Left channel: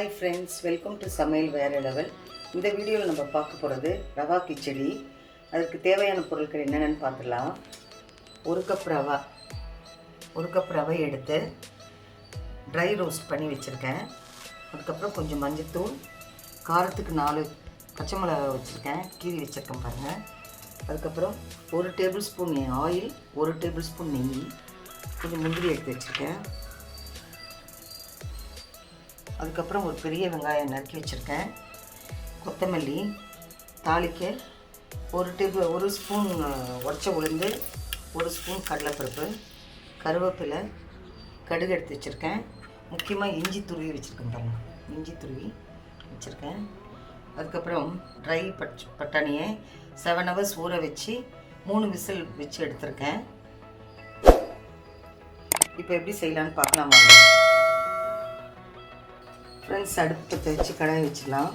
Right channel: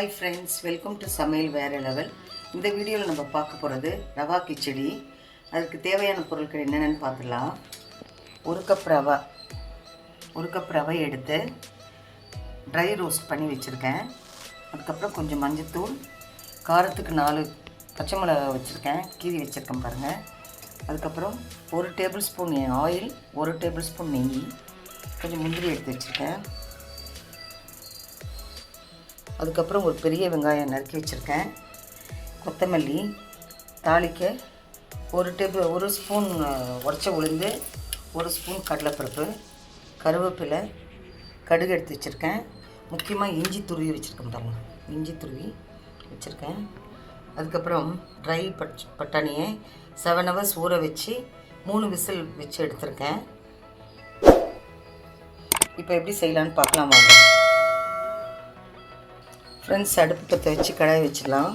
Hi friends, welcome to Samayal Vera Level. இந்த வீடியோவில் நம்ம பார்க்க போகிறது ரவா கிச்சடி. அதுக்கு தேவையான பொருட்கள் என்னென்னு பார்த்துக்கலாம். ஒரு கப் ரவை எடுத்து ட்ரை ரோஸ்ட் பண்ணி வச்சுருக்கேன். அதுக்கப்புறம் கொஞ்சம் மஞ்சத்தூள், காரத்துக்கு 4 பச்சை மிளகாய் வச்சுருக்கேன், கீரி வச்சுருக்கேன் பாருங்கள். அதுக்கப்புறம் 1 table spoon oil, 1 table spoon நெய், கொஞ்சம் முந்திரி எடுத்து வச்சுருக்கேன். அதுக்கப்புறம் ஒரு பெரிய வெங்காயம் நறுக்கி வச்சுருக்கேன். கொத்தமல்லி, தாளிக்க 1 ஸ்பூன் உடச்ச உளுந்து, 1 ஸ்பூன் கடலைப்பருப்பு, கருவேப்பிலை, கடுகு எடுத்து வச்சுருக்கேன். முக்கியமாக இஞ்சி துருவி வச்சுருக்கேன் பாருங்கள், இஞ்சி துருவி வச்சுருக்கேன். அதுக்கப்புறம் ட்ரை பட்டாணியை 7 hours ஊற வச்சு 3 விசில் வச்சு எடுத்துருக்கேன். இப்போ எப்படி செய்யலான்னு பார்க்கலாம் வாங்க ஃப்ரெண்ட்ஸ். அடுப்பு பற்ற வச்சு கடாய் வச்சிடலாம்.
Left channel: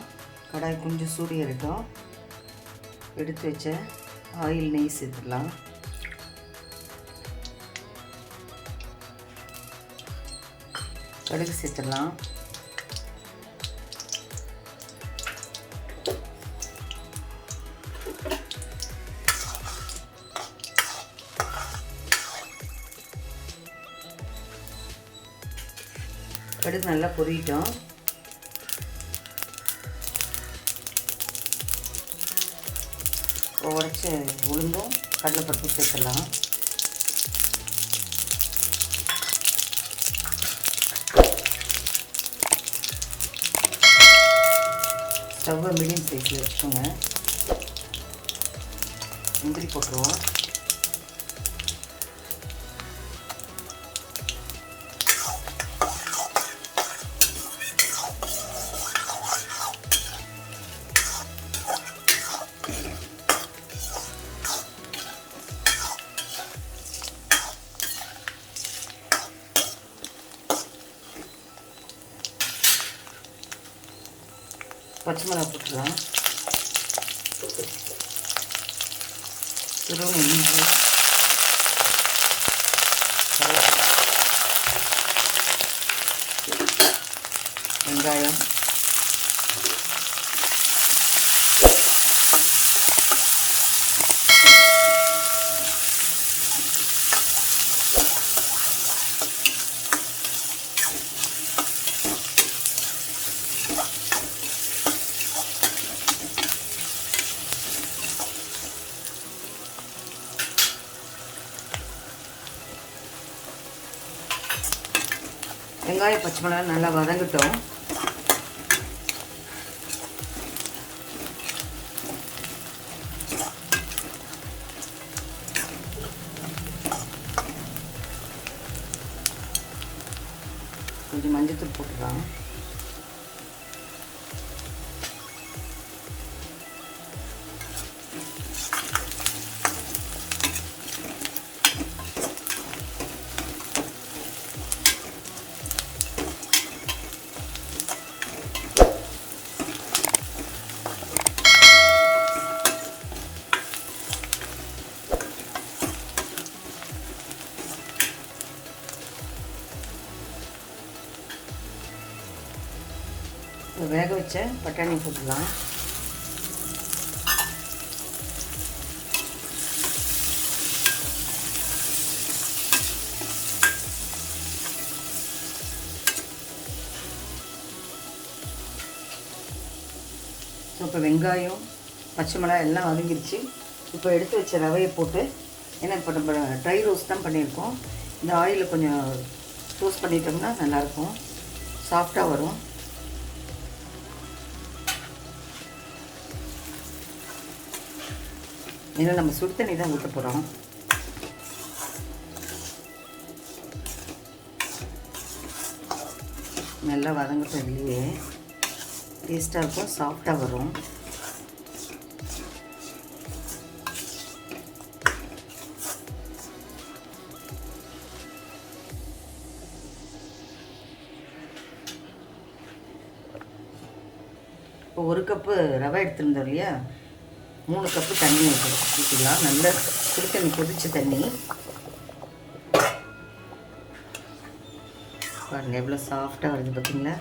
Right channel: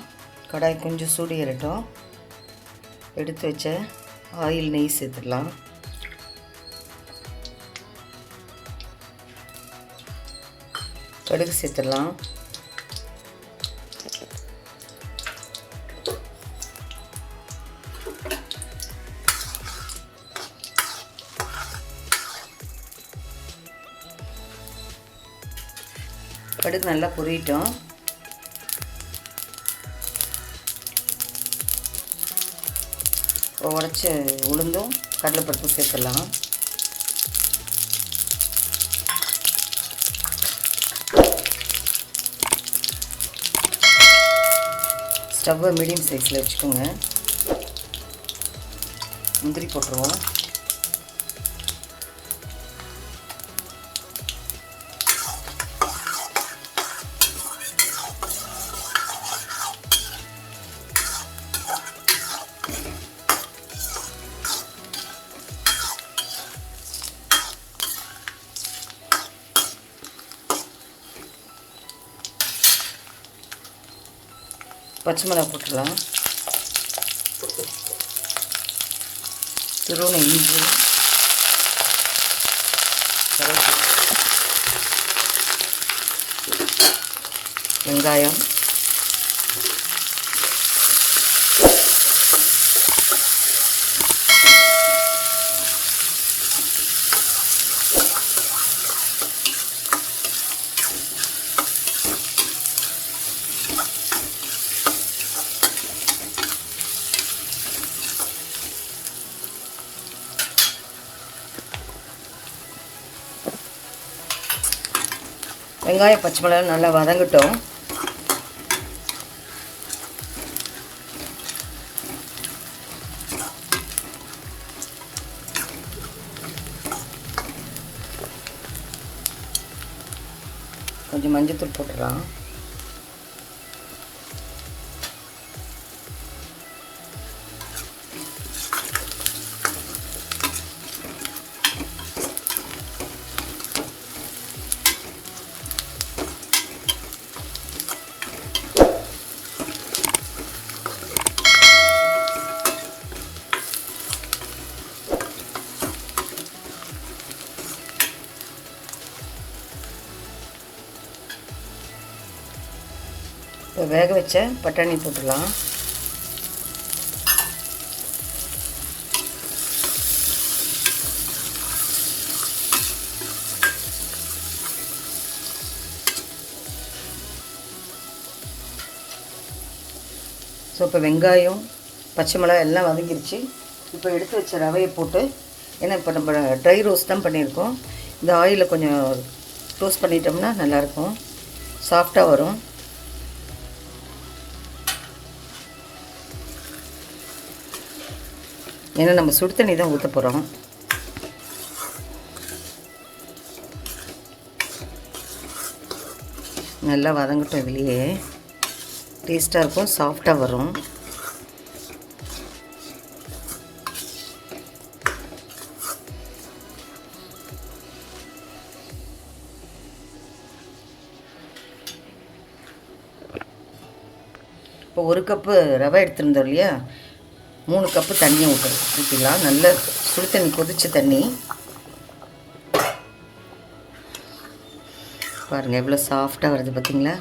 கடாய் கொஞ்சம் சூடு ஏறட்டும். எடுத்து வச்ச ஆயில், நெய் சேர்த்துடலாம். கடுகு சேர்த்துடலாம். கடுகு நல்லா பொரியட்டும். உடச்ச உளுந்தும் கடலைப்பருப்பு சேர்த்துடலாம். ஸ்டவ்வை மீடியம் சைஸில் வச்சுக்கோங்க. முந்திரி போட்டுருவோம். பச்சை மிளகாய் போட்டுக்கலாம். துருவன இஞ்சி, வெங்காயம், வெங்காயம் பச்சை மிளகாய் நல்லா வதங்கட்டும். கொஞ்சம் மஞ்சத்தூள் போட்டுடலாம். இப்போ வேக வச்ச பட்டாணி போட்டுடலாம். ஸோ இப்போ வெங்காயம், பச்சை மிளகாய் எல்லாம் வதங்கிருச்சு. இப்போ எடுத்து வச்ச ரவையை போட்டு, ஏன்னா இப்போ நம்ம ட்ரை ரோஸ்ட் தான் பண்ணியிருக்கோம். இந்த ஆயிலில் கொஞ்சம் ரோஸ்ட் பண்ணிட்டோம்னா நல்லாயிருக்கும், சாஃப்டாக வரும். ஏன்னா நம்ம சுடு தண்ணி தான் ஊற்ற போகிறோம். நல்லா வதங்கட்டும். இதுலேயே டேஸ்ட்டாக இருக்கும், சாஃப்டாக வரும். இப்போ 1 கப்பு ரவை எடுத்துருந்தோம் இல்லையா, 3 கப்பு தண்ணி ஊற்றிக்கலாம். நல்ல சுடு தண்ணி, கொதிச்ச தண்ணி. பாருங்கள் எவ்வளோ சாஃப்டாக வருது பார்த்தீங்களா.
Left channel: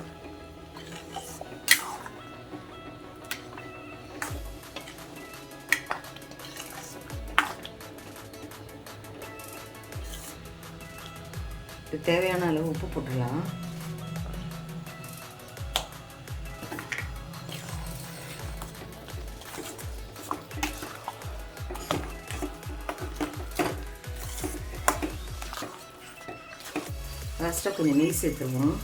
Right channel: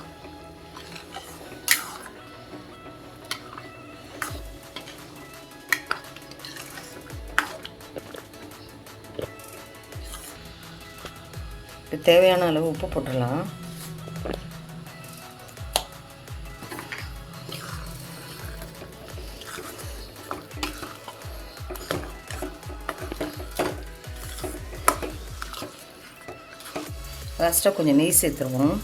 தேவையான அளவு உப்பு போட்டுடலாம். லாஸ்ட்டாக கொஞ்சம் நெய் சேர்த்துருவோம்.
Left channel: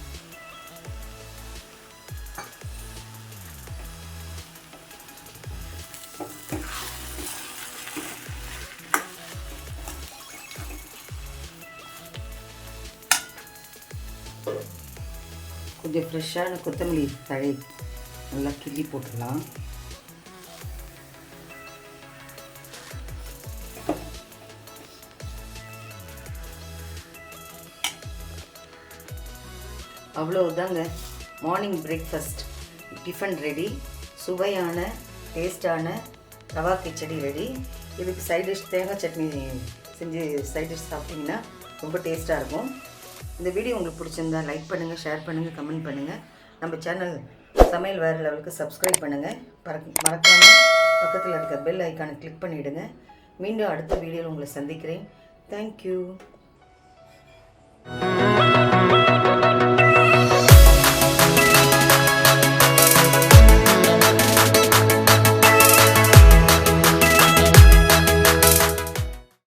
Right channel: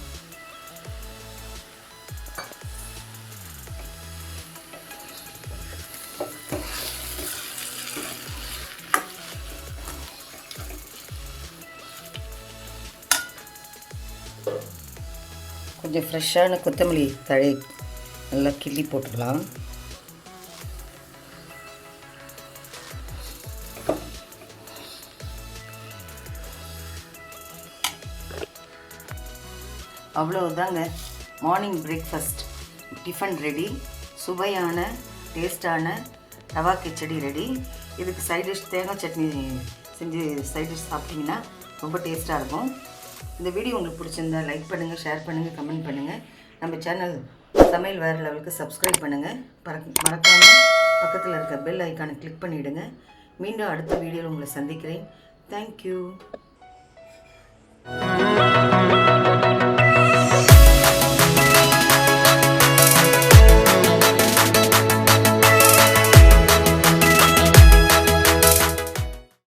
கொஞ்சம் ஃப்ரெஷ்ஷான கொத்தமல்லி தழை நல்லா கிள்ளி போட்டுக்கலாம். அவ்வளவுதாங்க, மார்னிங் பிரேக்ஃபாஸ்ட் டிஃபன் ரெடி. சுவையான டேஸ்டான ரவா கிச்சடி ரெடி. இதுக்கு சைட் டிஷ் தேங்காய் சட்னி செஞ்சு சைட் டிஷ் சாப்பிட்டிங்கன்னா ரொம்ப டேஸ்ட்டாக இருக்கும். இந்த வீடியோ உங்களுக்கு பிடிச்சிருந்தா லைக் பண்ணுங்கள், ஷேர் பண்ணுங்கள், கமெண்ட் பண்ணுங்கள். நம்ம சேனல் சமையல் வேறு லெவலுக்கு சப்ஸ்கிரைப் பண்ணுங்கள். மறக்காமல் பக்கத்தில் இருக்க பெல் ஐக்கானை கிளிக் பண்ணிவிடுங்க. மீண்டும் அடுத்த வீடியோவில் உங்களை சந்திக்கிறேன். தேங்க்யூ.